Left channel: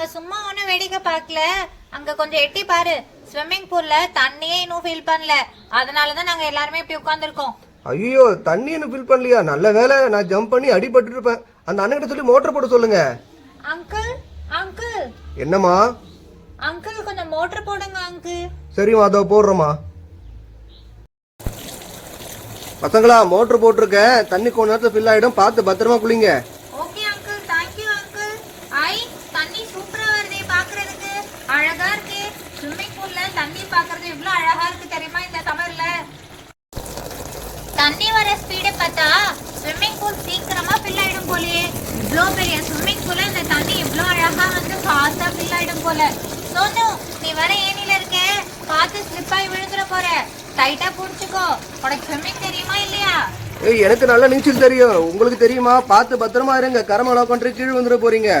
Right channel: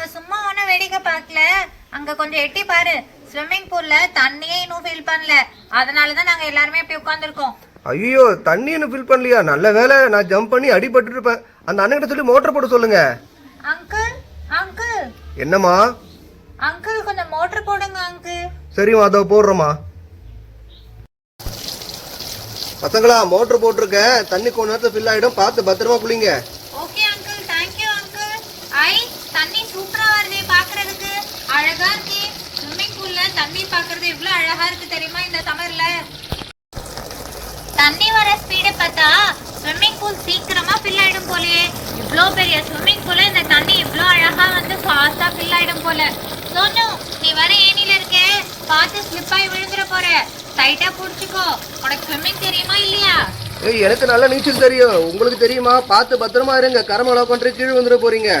நாங்க சும்மா ஒன்னும் வேடிக்கை பார்க்கல. அங்க கொஞ்சம் எட்டி பாரு, ஸ்விம்மிங் பூல்ல தண்ணியே இன்னும் ஃபில் பண்ணல. அதனாலதான் நாங்க எல்லாருமே இப்படி உட்கார்ந்துருக்கோம். ஐயோ, தண்ணி இன்னும் ஃபில் பண்ணலையா? நல்ல வேலை, நான் ஜம்ப் பண்ணி அடிபட்டு இருப்பேன். அந்த அண்ணன் சொல்லி மோட்டர் போட சொல்லுங்க. அங்கிள் அங்கிள் என்னம்மா? அங்கிள் கொஞ்சம் மோட்டர் போடுங்க அங்கிள். சரிம்மா, அதோ போடுறோம்மா. பசங்களா, மோட்டர் போட்டிருக்கேன். தண்ணி கொஞ்ச நேரத்துல ஃபில் ஆயிடும், பார்த்து பத்திரமா குளிங்க. Okay uncle, thank you uncle. ஐ, தண்ணி சூப்பரா வருதே பாக்குறதுக்கு, அழகா இருக்கு. ஸ்விம்மிங் பூல்ல தண்ணி பாக்குறது இவ்வளவு அழகா இருக்கு தெரியுமா இந்த சம்மர்ல. தண்ணி வர ஸ்பீட பார்த்தா ஸ்விம்மிங் பூல் சீக்கிரமா ஃபில் ஆயிடும் போலயே. இவ்ளோ பெரிய ஸ்விம்மிங் பூல்ல இந்த தண்ணி இவ்ளோ அழகா வந்து ஃபாஸ்டா ஃபில் ஆயிடும் போல. சோனு, நீ வர ஏனில இருக்க, பார்த்து ஸ்லிப் ஆகி விழுந்துற போற. டைட்டா புடிச்சுக்கோ. உனக்கு ஸ்விம்மிங் தெரியுமா இல்லையா? ஏய், எனக்கு நல்லா நீச்சல் தெரியும். உங்களுக்கு தெரியுமா? பார்த்து பத்திரமா இருங்க, கரமளவு கொண்டு கீழே வந்துட போறீங்க.